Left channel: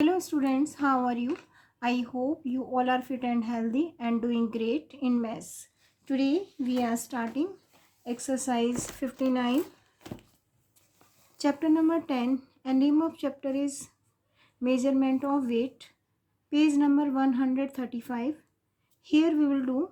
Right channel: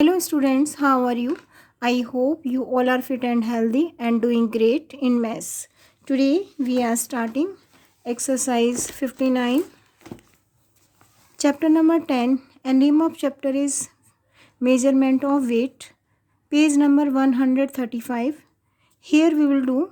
Hello students, how are you? I hope you all are fit and healthy and doing great in maths. Today we are starting exercise 59, chapter number 10, and name of chapter is measurement of weight, page number 135. Here we will do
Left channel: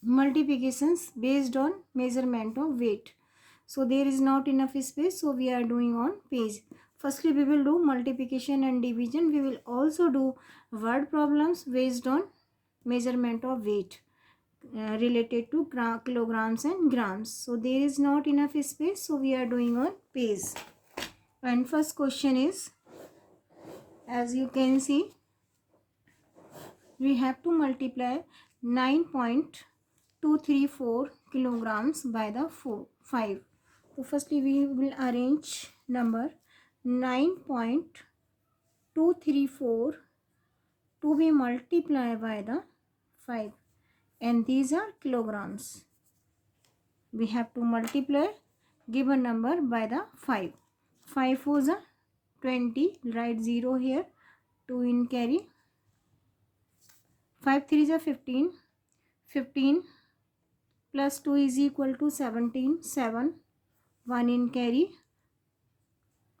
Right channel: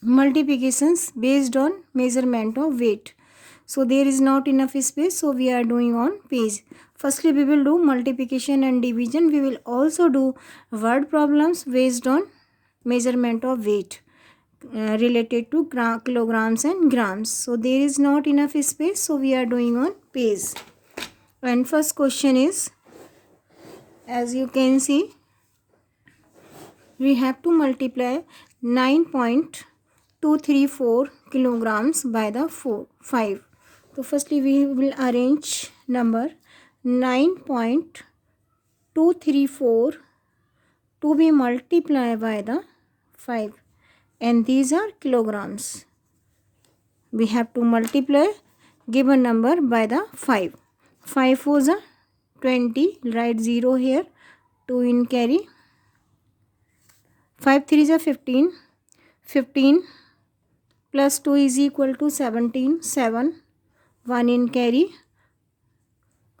multiplications based on measurement of weight. So there is not enough space, so we are doing on page. Firstly we will do multiplication and division. We will also do word problems based on measurement of weight related to kilograms and grams. So there is not enough space, so we are doing on page. And first question is, as you can see, we have to multiply 9.234 kilograms by the 5. So firstly we will arrange number 9.234 to be multiplied by the 5, and these are kilograms. We have to multiply given number by the 5. 5 4s are 20, write 0 here, 2 in carry. 5 3s are 15, 15 plus 2 is equal to 17, 7, 1 in carry.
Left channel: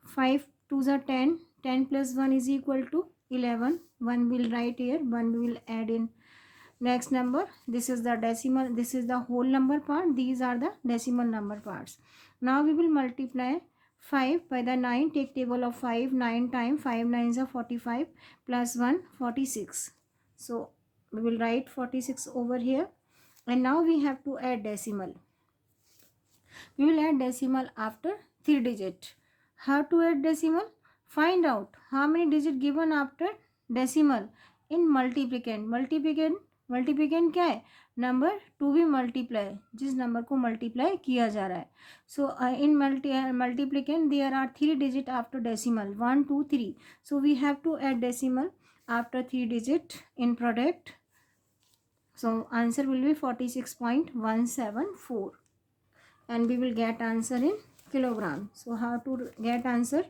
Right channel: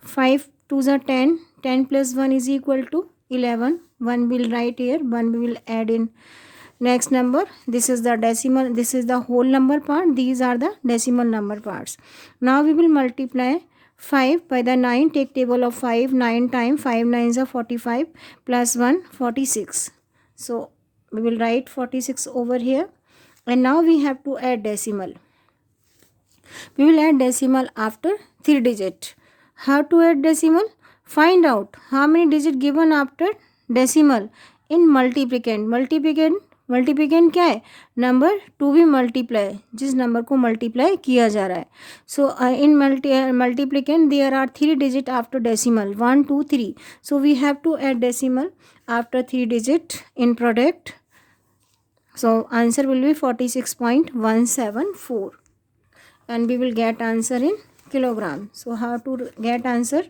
5 2s are 10, 10 plus 1 is equal to 11, 1 will write here, 1 we will add in next number. This is the decimal, this is the whole number part, these are the decimal number parts. Now we will multiply 5 by the 9, take table of 5, 9 times 5 9s are 45 plus 1 46. So we will write 46 over here, and now we have to add decimal. We will add decimal after 3 digit. How to add decimal? Find out how many digit given after decimal in multiplicand. Multiplicand क्या है? Number two भी multiply, जिस number को multiply किया जा रहा है. So in multiplicand there are 3 digit after decimal, 1 2 3. So we have to add decimal after 3 digit in product. So answer will be 46.174, and we will get answer in kilogram. So how to get answer?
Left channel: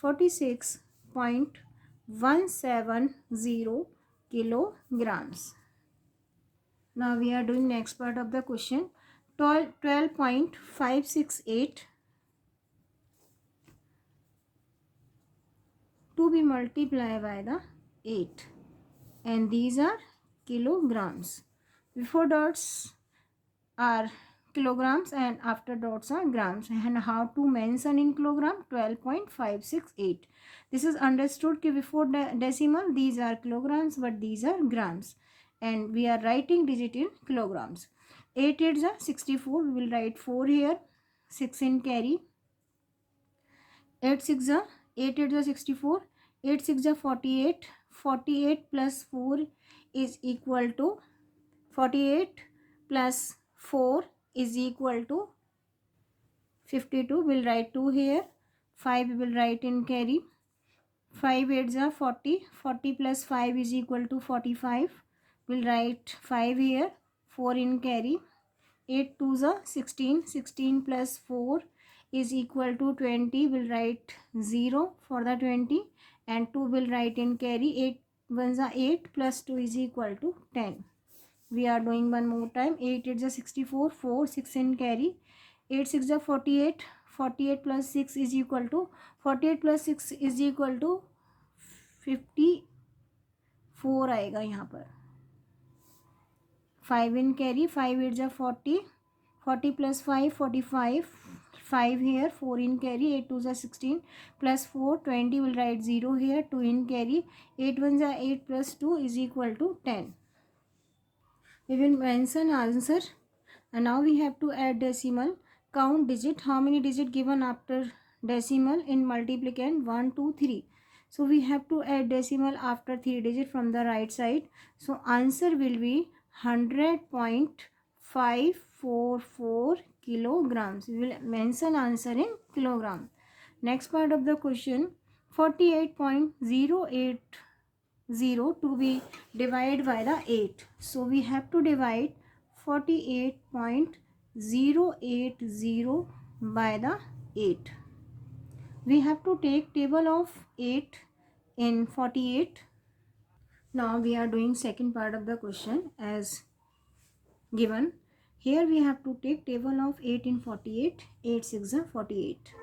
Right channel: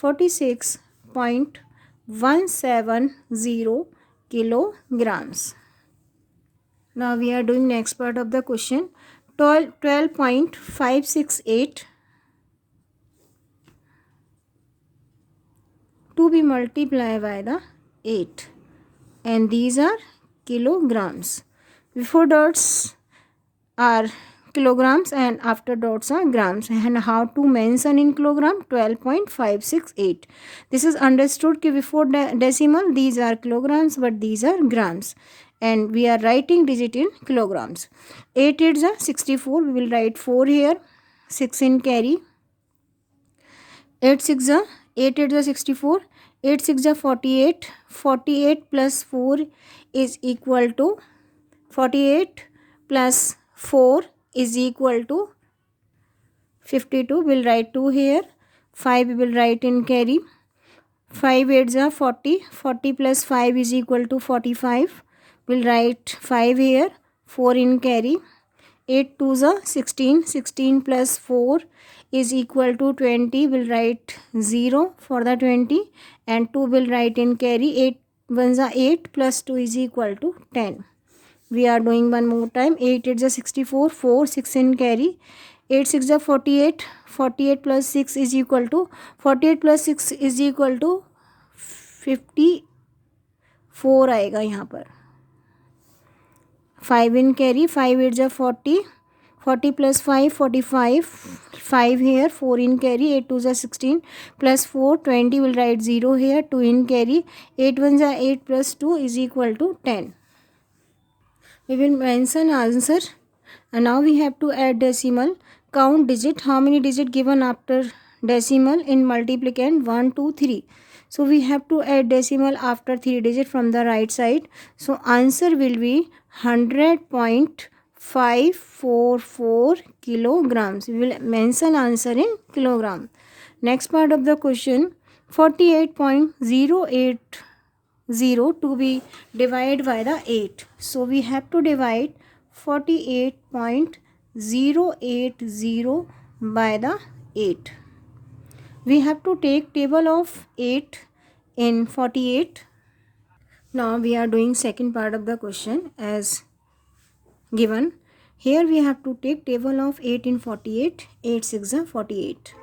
46.170 kilograms. Now we are doing next part of the question. 12.568 to be multiplied by the 8, and these are kilograms. Before dots are kilograms and after dots are grams. And how to mention in kilogram? 12.568. This is understood कि before decimal these are kilograms but these are grams, and we are writing digit in kilograms. 8 8s are 64, we will write 4 here, 6 in carry. 8 6 are 8 8s are 64, 8 6 are 48, 48 plus 4 is equal to 48 plus 4 is equal to 52. We'll write 2 here. 5 we will write in carry. 5 8s are 40, 40 plus 5 is equal to 45. We'll write 5 here, 4 in carry. 8 2s are 16, 16 plus 4 is equal to 20. We'll write 0 for the 20, and 2 will write in carry. 8 1s are 8 plus 2 is equal to 10. We are doing one more time. 8 8s are 64, 4 6 in carry. 8 6 are 48, 48 plus 6 is equal to 48 plus 6 is equal to 54 आएगा यहाँ पर. 5 in carry. 5 8s are 40, 40 plus 5 45, 5 here, 4 in carry. 8 2s are 16 plus 4 20, will write 0 here, 2 in carry. 8 1s are 8 plus 2 is equal to 10. We will mention answer, and now we have to add decimal. Count digit, how many digit given after decimal in multiplicand? 1 2 3. So we have to add decimal after 3 digit from the right side. So answer will be 100.544 kilograms. We will mention answer in kilogram. Next part of the question, 48.080 to be divided by the 8. So we have to divide 48.080 by the 8. We have to take table of 8 in 48. Now we are doing second part of the question as given. Here we have to take table of 8 in 48. 8 6 are 48.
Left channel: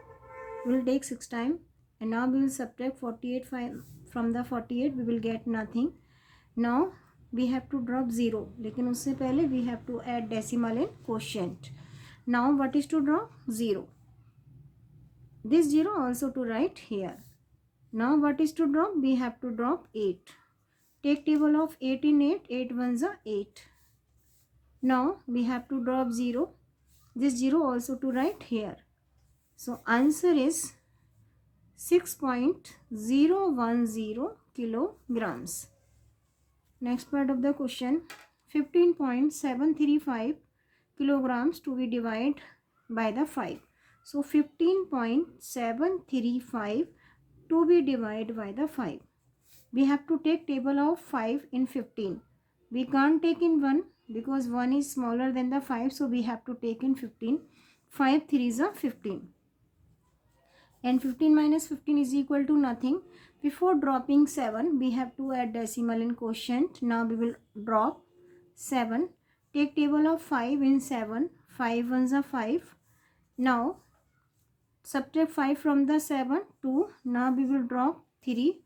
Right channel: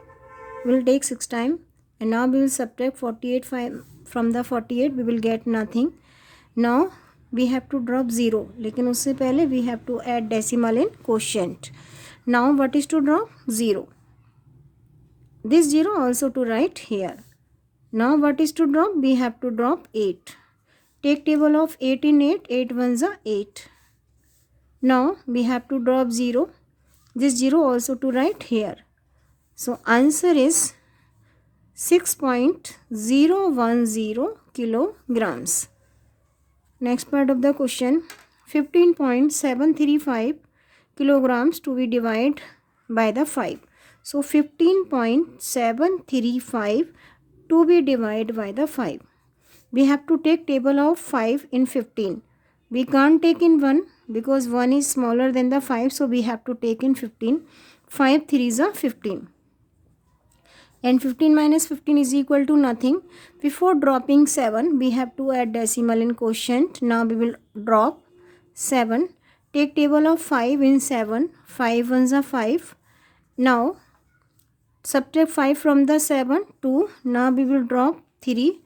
We will take 6 time, and now we will subtract 48 from the 48. We will get nothing. Now we have to drop 0, लेकिन उससे पहले we have to add decimal in quotient. Now what is to drop? 0. This 0 also to write here. Now what is to drop? We have to drop 8. Take table of 8 in 8. 8 ones are 8. Now we have to drop 0. This 0 also to write here. So answer is 6.010 kilograms. Next part of the question, 15.735 kilograms to be divided by the 5. So 15.735 to be divided by the 5. We have to take table of 5 in 15. We can't take in 1 because 1 is smaller than the 5. So we have to take in 15. 5 3s are 15. And 15 minus 15 is equal to nothing. Before dropping 7, we have to add decimal in quotient. Now we will drop 7. Take table of 5 in 7. 5 ones are 5. Now subtract 5 from the 7, 2. Now we will drop 3.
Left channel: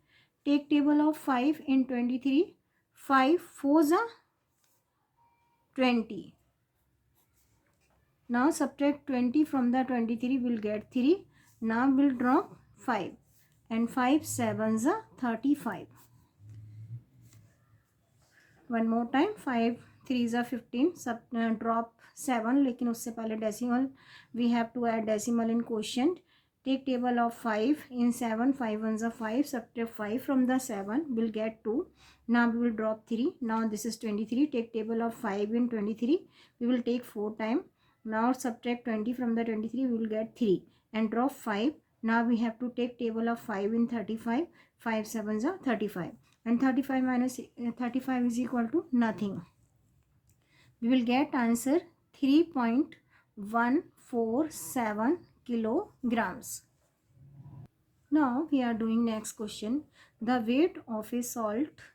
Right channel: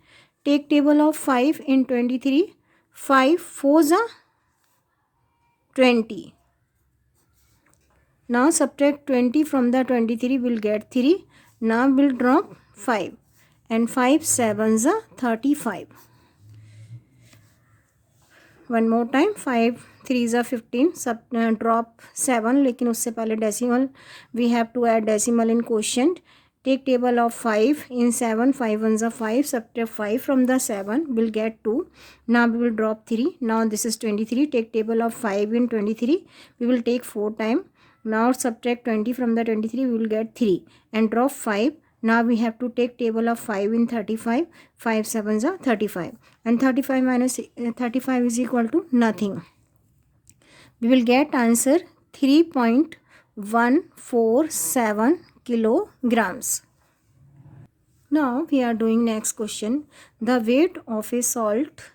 Take table of 5 in 23. 5 4s are 20. Now subtract 20 from the 23, we will get 3. Now we will drop 5. And 5 7s are 35. One more time. 5 3s are 15. Drop 7. लेकिन उससे पहले decimal. We have to add decimal in quotient. Take table of 5 in 7. 5 ones are 5. Subtract 5 from the 7. We'll get 2. Now we will drop 3. Now this is 23. Take table of 5 in 23. We will take 4 time. Now subtract 20 from the 23. We will get 3. And drop 5. Now we have to take table of 5 in 35. 5 7s are 35. And 35 minus 35 is equal to nothing. We will get answer 3.147 kilograms. Now we are doing next question. The weight of a salt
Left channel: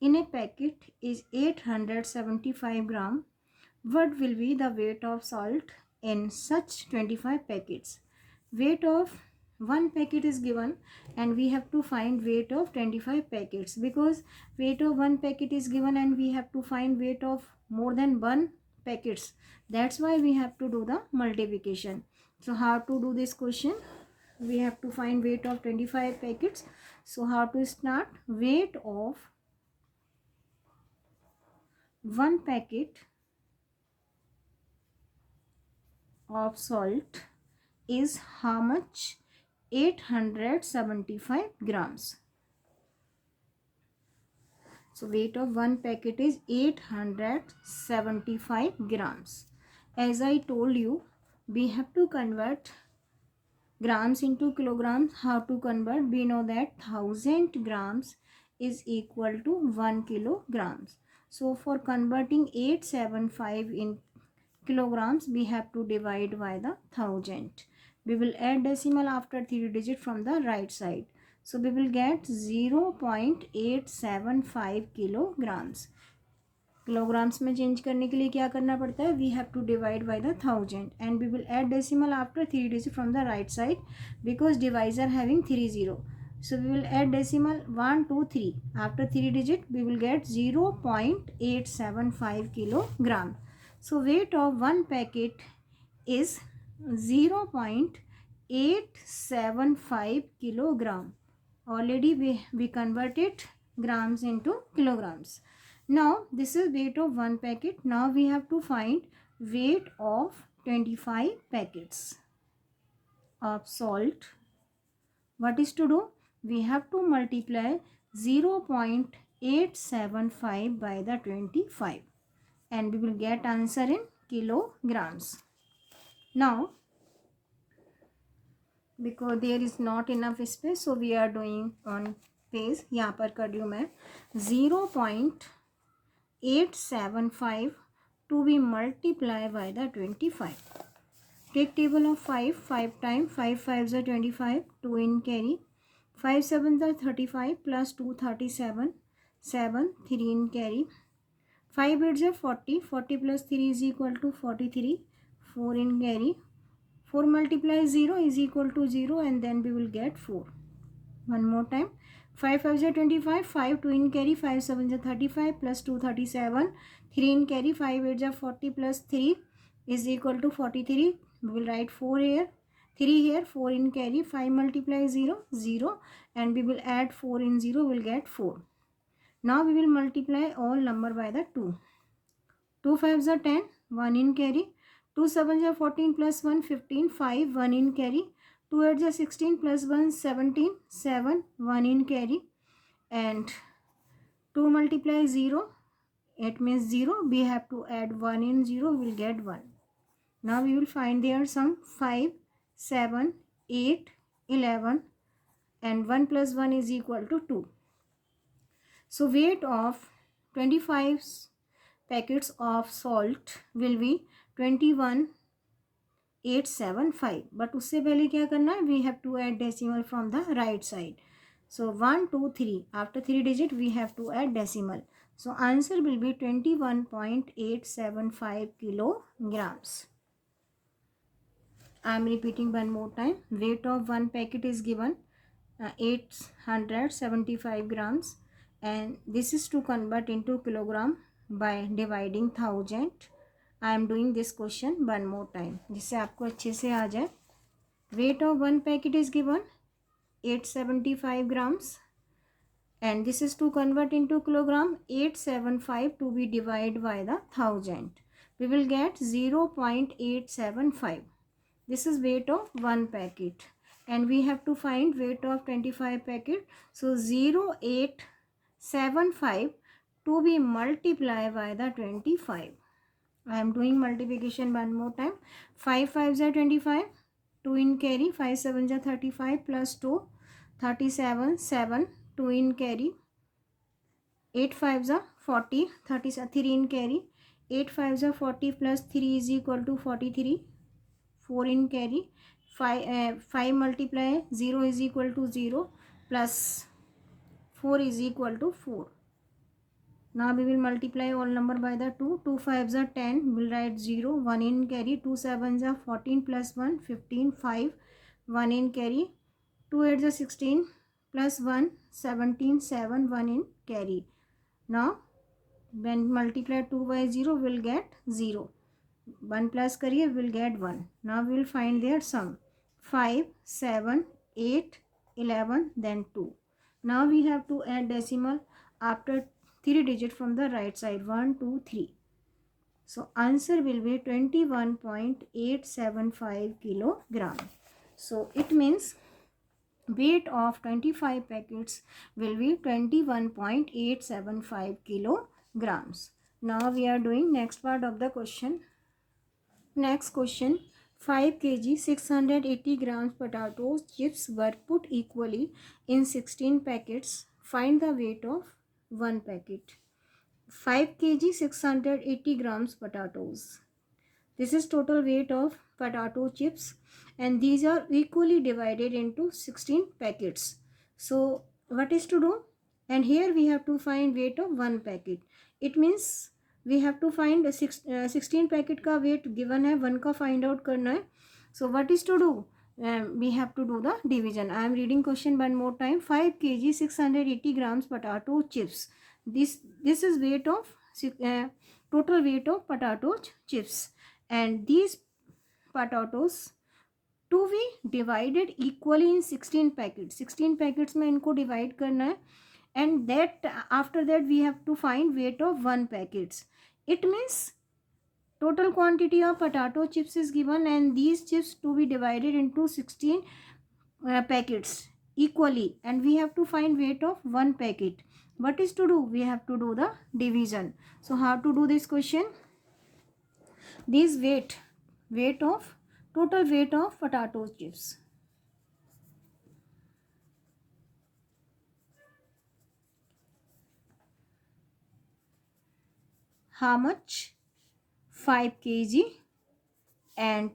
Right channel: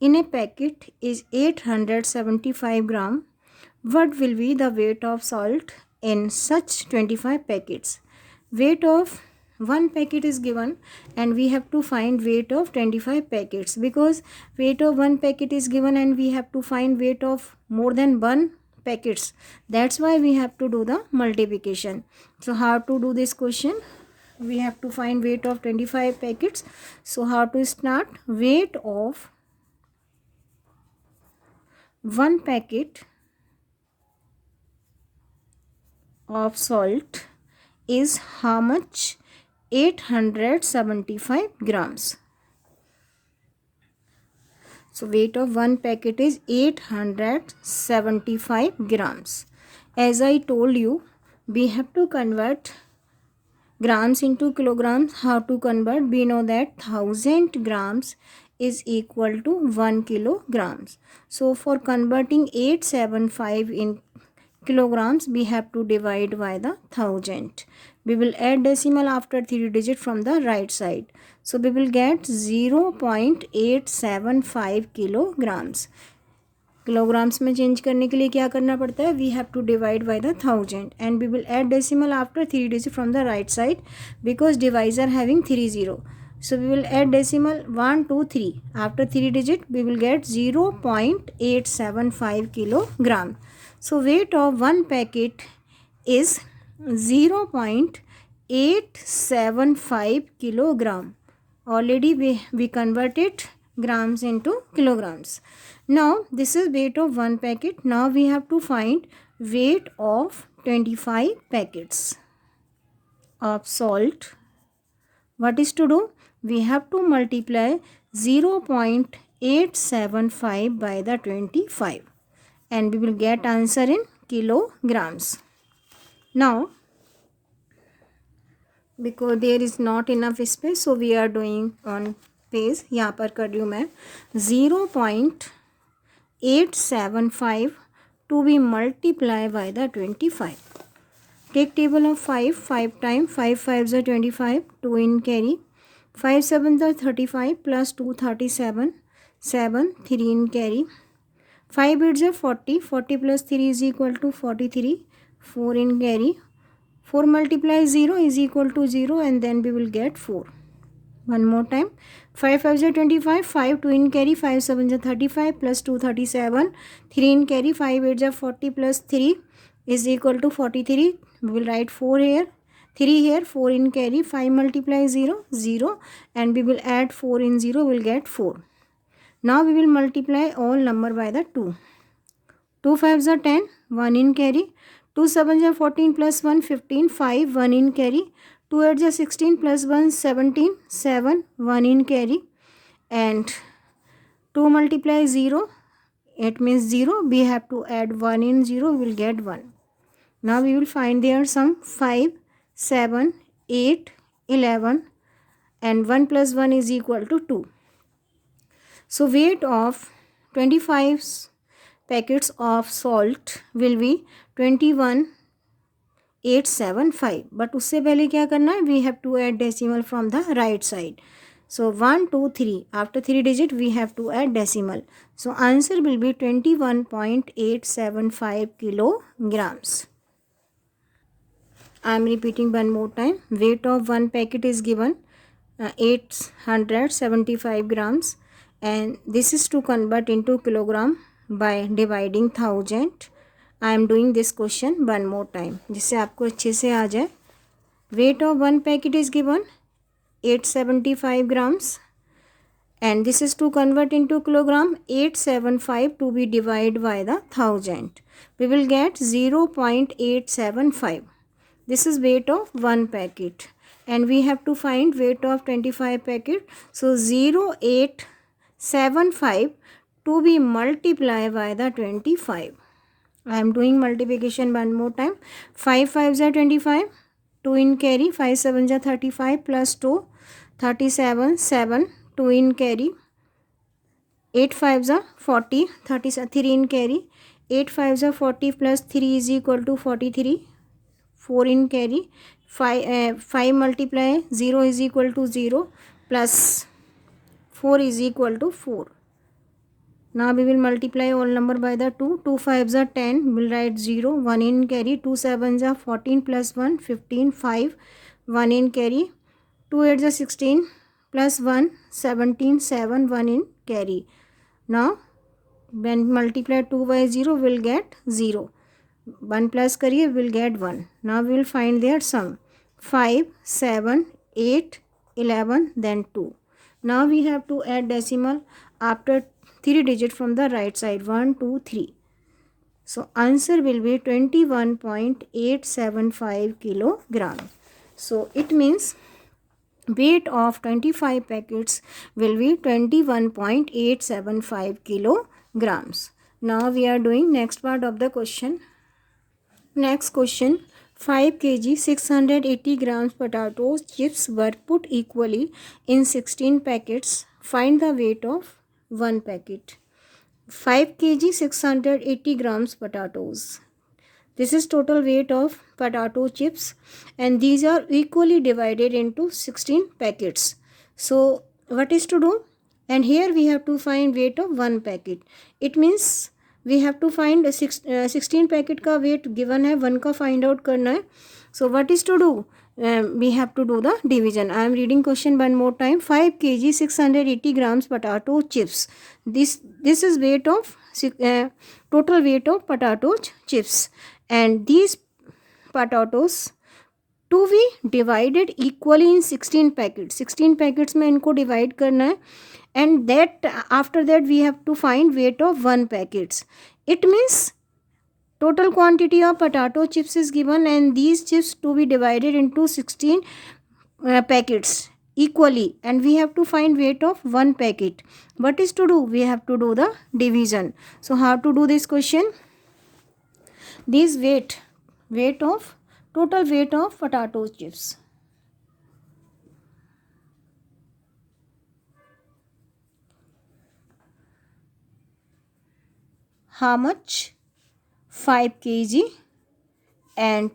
in a packet is 875 gram. What will be the weight of salt in such 25 packets? Weight of one packet is given and we have to find weight of 25 packets, because weight of one packet is given and we have to find weight of more than one packets. That's why we have to do the multiplication. So how to do this question? We have to find weight of 25 packets. So how to start? Weight of one packet of salt is how much? 875 grams. So weight of one packet is 875 grams. As I told you, we have to convert grams into kilograms. How to convert? We know that 1000 grams is equal to 1 kilograms. So for converting 875 in kilograms, we have to divide by the 1000. We will add decimal after 3 digit from the right side. So we will get 0.875 kilograms. Kilograms में change करने के लिए क्या करना पड़ता है? We have to divide by the 1000 and we will add decimal after 3 digit from the right side because divisor having 3 0. So we will add decimal 1 2 3. After 3 digit we will get 0.875 kilogram. So weight of one packet is 0.875 kilogram. Already we converted grams into kilograms. Now this is weight of one packet. Now we have to find weight of 25 packets of salt. What is to do? We have to multiply 0.875 by the 25 and we will get answer in kilograms. Now because there is not enough space, so we are doing on page. यहाँ पर कर रही हूँ मैं 0.875 to be multiplied by the 25. Take table of 5 5 times. 5 5s are 25. 2 in carry. 5 7 are 35 plus 2 37, 7, 3 in carry. 5 8s are 40, 40 plus 3 is equal to 43, 4 in carry. 4 multiplies 0 is equal to 0, and then we will get 4. One more time. 5 5s are 25, 5 2 in carry, 5 7s are 35 plus 2 37, 3 in carry, 5 8s are 40 plus 3 is equal to 43. We will write 4 here, 3 here, 4 in carry, 5 multiplies 0, 0, and we will add 4 in 0, we will get 4. Now we will multiply all number by the 2. 2 5s are 10, 1 in carry. 2 7s are 14 plus 1, 15, 5, 1 in carry. 2 8s are 16 plus 1, 17, 7, 1 in carry. And 2 multiply 0, it means 0. We have to add 1 in 0, we will get 1. Now we will find their sum. 5, 7, 8, 11, and 1 plus 1 is equal to 2. So weight of 25 packets of salt will be 21,875. But उससे पहले क्या करना है? We have to add decimal from the right side. So 1, 2, 3. After 3 digit we have to add decimal. So answer will be 21.875 kilograms. I am repeating one more time. Weight of one packet is given 875 grams, and this is to convert into kilogram by dividing 1000. I am doing this question one more time जिससे आपको अच्छे से आ जाए. Weight of one packet is given 875 grams, and this is to convert into kilogram. 875 to be divided by the 1000. We will get 0.875. This is weight of one packet, and we have to find weight of 25 packet. So 0.875 to be multiplied by the 25. I am doing multiplication one more time. 5 5s are 25, 2 in carry, 5 7s are 35 plus 2, 37, 7, 2 in carry. 8 5s are 40, 3 in carry. 8 5s are 40 plus 3 is equal to 43. 4 in carry. 5 multiply 0 is equal to 0 plus 4 is equal to 4. Now we will multiply all number by the 2. 2 5s are 10. We will write 0. 1 in carry. 2 7s are 14 plus 1, 15, 5. 1 in carry. 2 8s are 16 plus 1, 17, 7. 1 in carry. Now when multiply 2 by 0, we will get 0. 1 plus करिए will get 1. Now we will find their sum. 5, 7, 8, 11, then 2. Now we have to add decimal after 3 digit from the right side. 1, 2, 3. So answer will be 21.875 kilogram. So it means weight of 25 packets will be 21.875 kilograms. Now we are doing next part of the question. Next question. 5 kg 680 grams potato chips were put equally in 16 packets. Find the weight of one packet. 5 kg 680 grams potatoes. This is total weight of potato chips, and these are equally divided into 16 packets. So what is to do? And here we have to find weight of one packet. It means we have to find 16 packet का weight given है, 1 का find out करना है. So what is to do? We have to do the division. I am reading question one more time. 5 kg 680 grams potato chips. This is weight of total weight of potato chips, and these potatoes to be divided equally in 16 packets. 16 packets में इनको divide करना है, and that after that we have to find weight of one packets. It means total quantity of potato chips is given, and these chips to be divided into 16 packets equally, and we have to find weight of one packet. What is to do? We have to do the division. So how to do this question? This weight of total weight of potato chips. How much? 5 kg and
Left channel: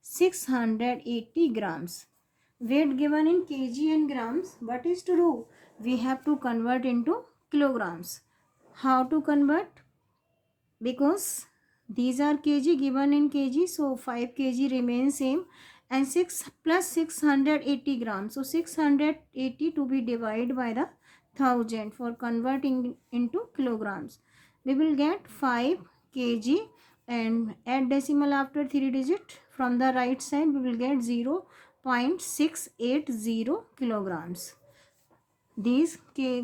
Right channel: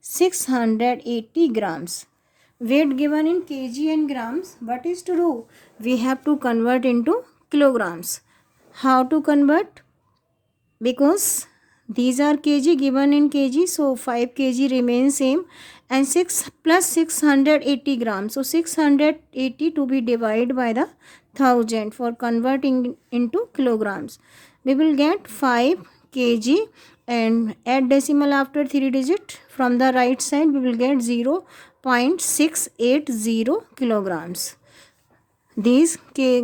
680 grams. weight given in kg and grams. What is to do? We have to convert into kilograms. How to convert? Because these are kg given in kg, so 5 kg remains same, and 6 plus 680 grams, so 680 to be divided by the 1000 for converting into kilograms. We will get 5 kg and add decimal after 3 digit. From the right side we will get 0.680 kilograms. These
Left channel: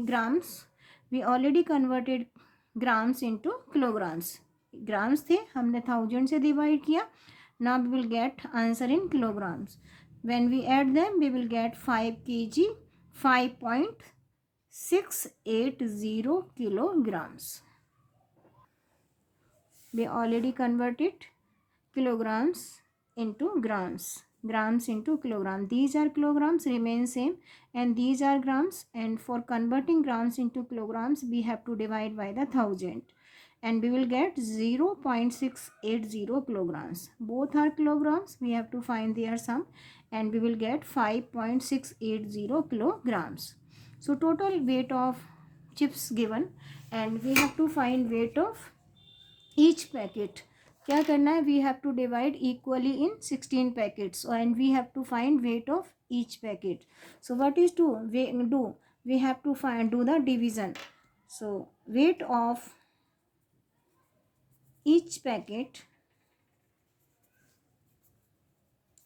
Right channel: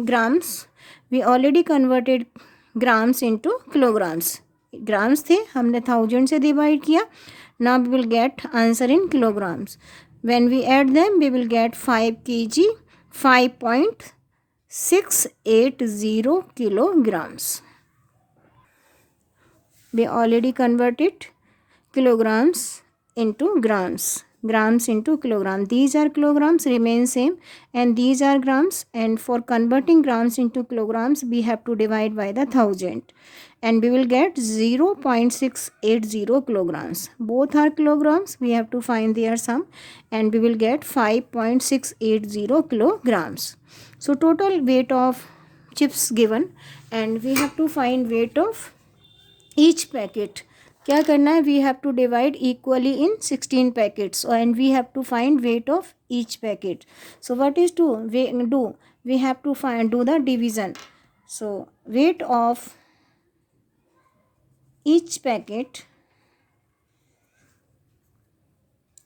grams we already converted grams into kilograms. Grams थे, हमने 1000 से divide किया. Now we will get answer in kilograms. When we add them, we will get 5 kg, 5.680 kilograms. We already converted kilograms into grams. Grams into kilogram. These are kilograms, remain same, and these are grams. And for converting grams into kilograms, we have to divide by the 1000, and we will get 0.680 kilograms. Both are kilograms. We have to find their sum, and we will get 5.680 kilograms. So total weight of chips given, and we have to find weight of each packet. क्या करना है? We have to divide equally in 16 packets, and we have to find weight of each packet. So what is to do? We have to do the division. So weight of each packet,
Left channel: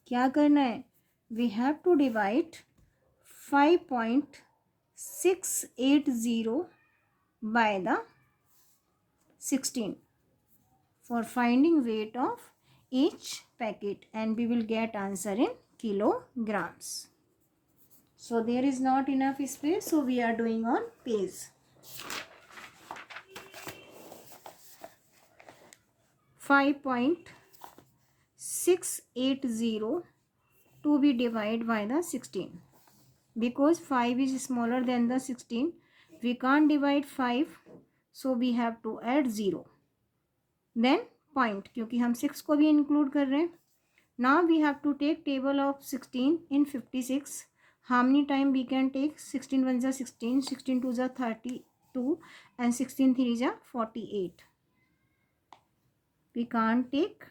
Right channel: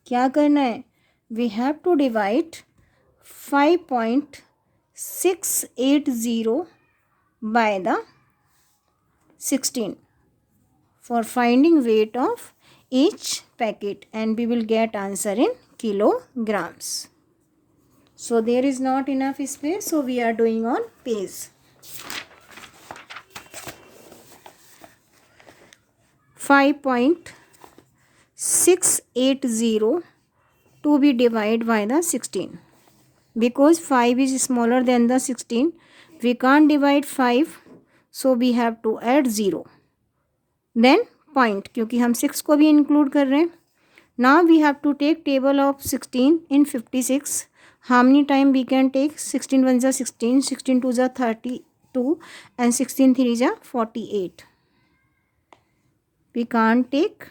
क्या करना है? We have to divide 5.680 by the 16 for finding weight of each packet, and we will get answer in kilograms. So there is not enough space, so we are doing on page 5.680 to be divided by the 16. Because 5 is smaller than the 16, we can't divide 5, so we have to add 0. Then point, क्योंकि हम 6 को भी include कर रहे हैं. Now we have to take table of 16 in 56. How many time we can take? 16 1 is 16, 16 2 is 32, and 16 3 is 48. We can't take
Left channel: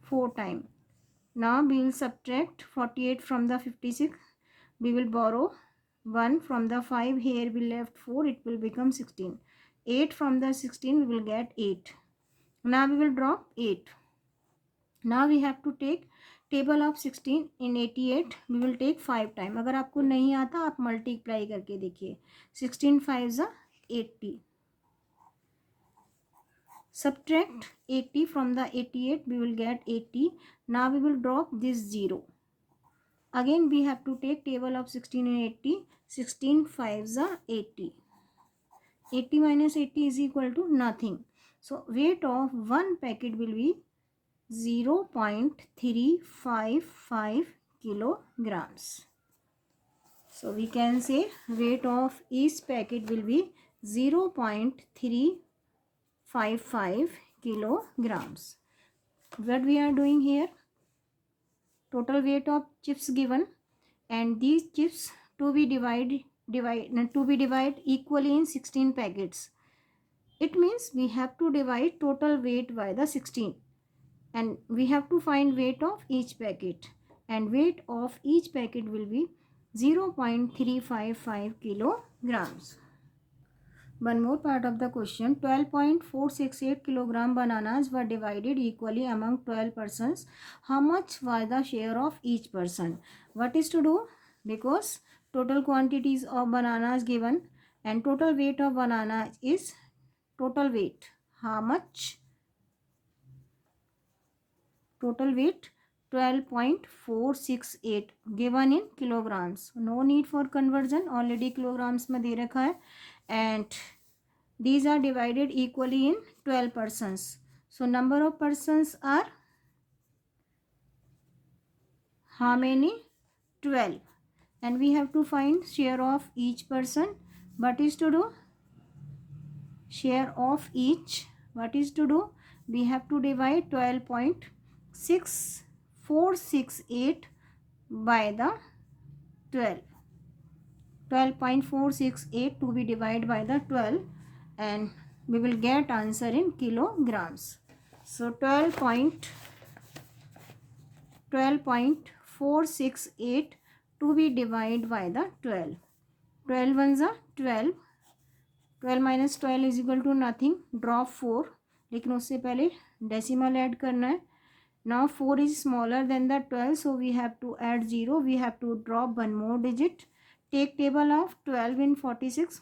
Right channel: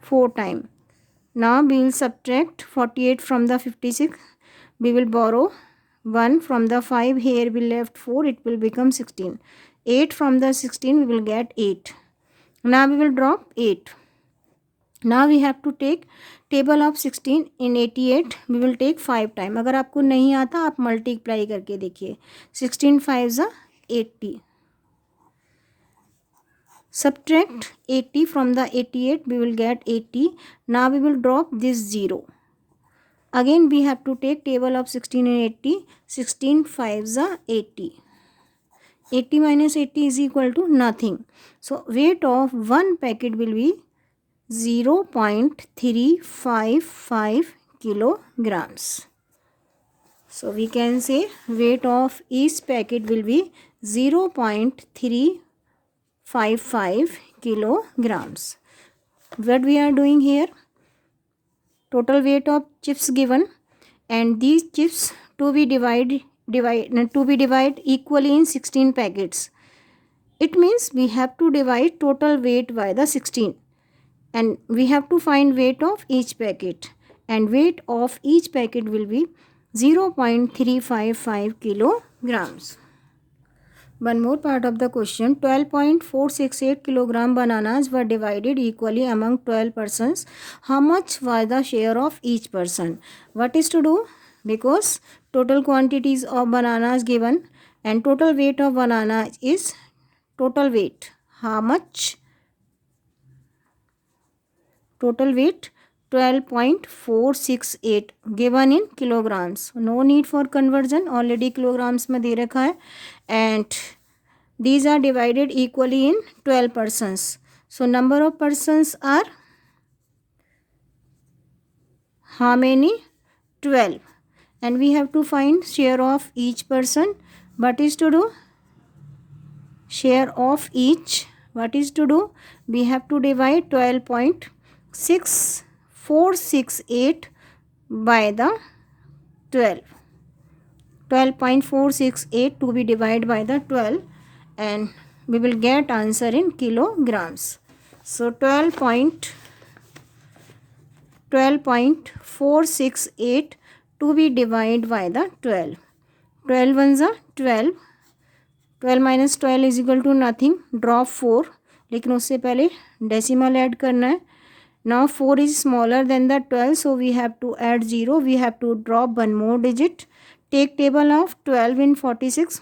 4 time. Now we will subtract 48 from the 56. We will borrow 1 from the 5. Here we left 4. It will become 16. 8 from the 16 we will get 8. Now we will drop 8. Now we have to take table of 16 in 88. We will take 5 time. अगर आपको नहीं आता आप multiply करके देखिए. 16 5 is 80. Subtract 80 from the 88. We will get 80. Now we will drop this 0. Again we have to take table of 16 and 80. 16 5 is 80. 80 minus 80 is equal to nothing. So weight of one packet will be 0.355 kilograms. So we can say weight of each packet will be 0.355 kilograms. What we are doing here? Total weight of chips given, and these chips to be divided equally in 16 packets. It means we have to divide total weight by the 16, and we have to find weight of each packet, and weight of each packet will be 0.355 kilograms. One more part of the question. 12.468 kilogram bananas were divided equally among 12 persons. How much was the share of each person? What is to do? Because total quantities of bananas given, and total weight of banana is total weight. How much? Total weight 12.468 given in kilograms. No need for conversion, already kilograms में दे रखा है, and these are divided equally in 12 persons. So number of persons are how many? 12. And we have to find share of each person. What is to do? Share of each. What is to do? We have to divide 12.6468 by the 12. 12.468 to be divided by the 12, and we will get answer in kilograms. So 12.468 to be divided by the 12. 12 ones are 12. 12 minus 12 is equal to nothing. Drop 4, लेकिन उससे पहले decimal add करना है. Now 4 is smaller than the 12, so we have to add 0. We have to drop one more digit. Take table of 12 in 46.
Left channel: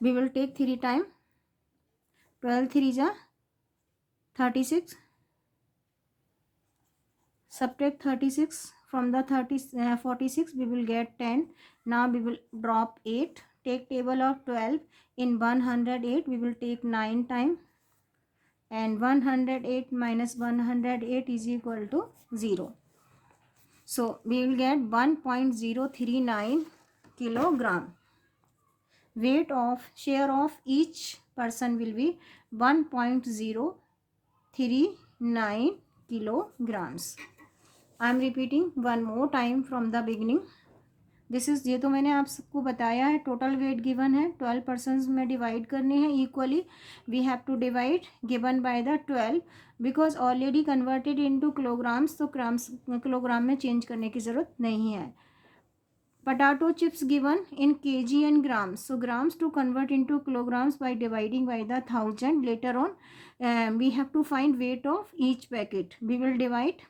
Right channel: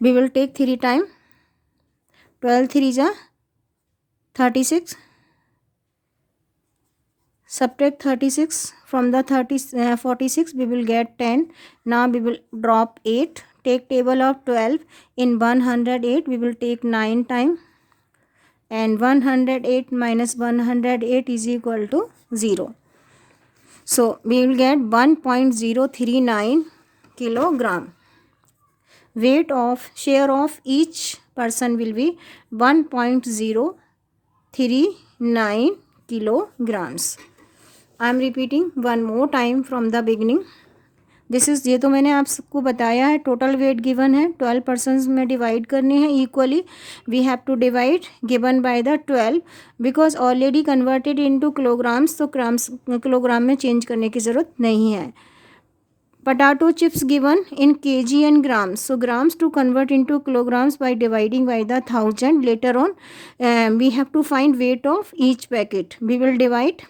We will take 3 time. 12 3 is 36. Subtract 36 from the 46. We will get 10. Now we will drop 8. Take table of 12 in 108. We will take 9 time. And 108 minus 108 is equal to 0. So we will get 1.039 kilogram. Weight of share of each person will be 1.039 kilograms. I am repeating one more time from the beginning. This is, ये तो मैंने आप सबको बताया है. Total weight given है, 12 persons में divide करने हैं equally. We have to divide given by the 12 because already converted into kilograms, तो ग्राम्स किलोग्राम में चेंज करने की ज़रूरत नहीं है. Potato chips given in kg and grams. So grams to convert into kilograms by dividing by the 1000. Later on, we have to find weight of each packet. We will divide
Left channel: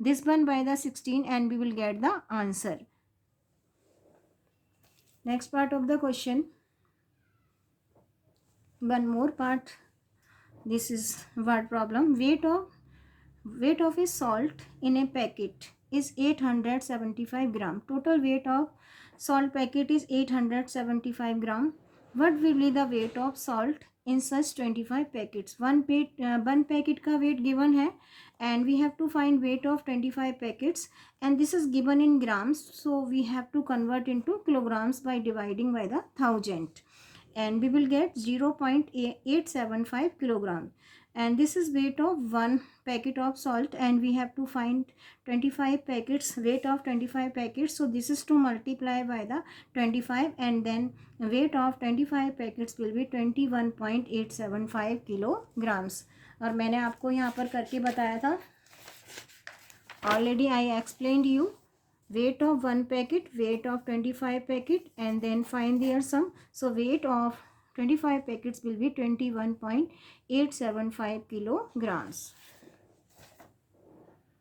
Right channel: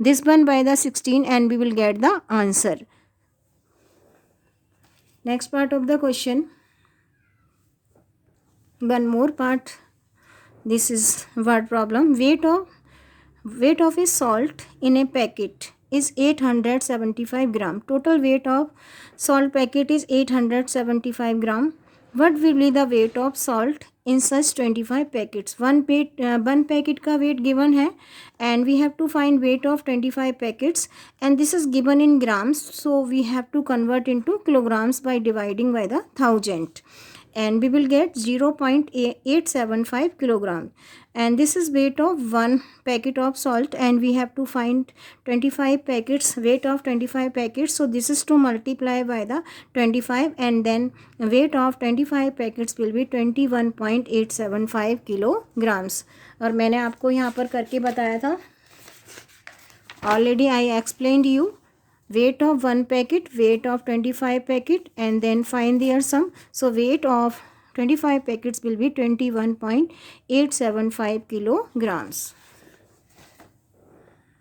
this one by the 16 and we will get the answer. Next part of the question. One more part. This is word problem. Weight of a salt in a packet is 875 gram. Total weight of salt packet is 875 gram. What will be the weight of salt in such 25 packets? One packet का weight given है and we have to find weight of 25 packets and this is given in grams, so we have to convert into kilograms by dividing by the 1000 and we will get 0.875 kilogram. And this is weight of one packet of salt and we have to find 25 packets, weight of 25 packets. So this is to multiply by the 25 and then weight of 25 packets will be 21.875 kilograms. और मैंने आपको यहाँ पर करके बताया था, already I explained you weight of one packet, weight of 25 packet and then find their sum. So weight of 25 packets will be 21.875 kilograms.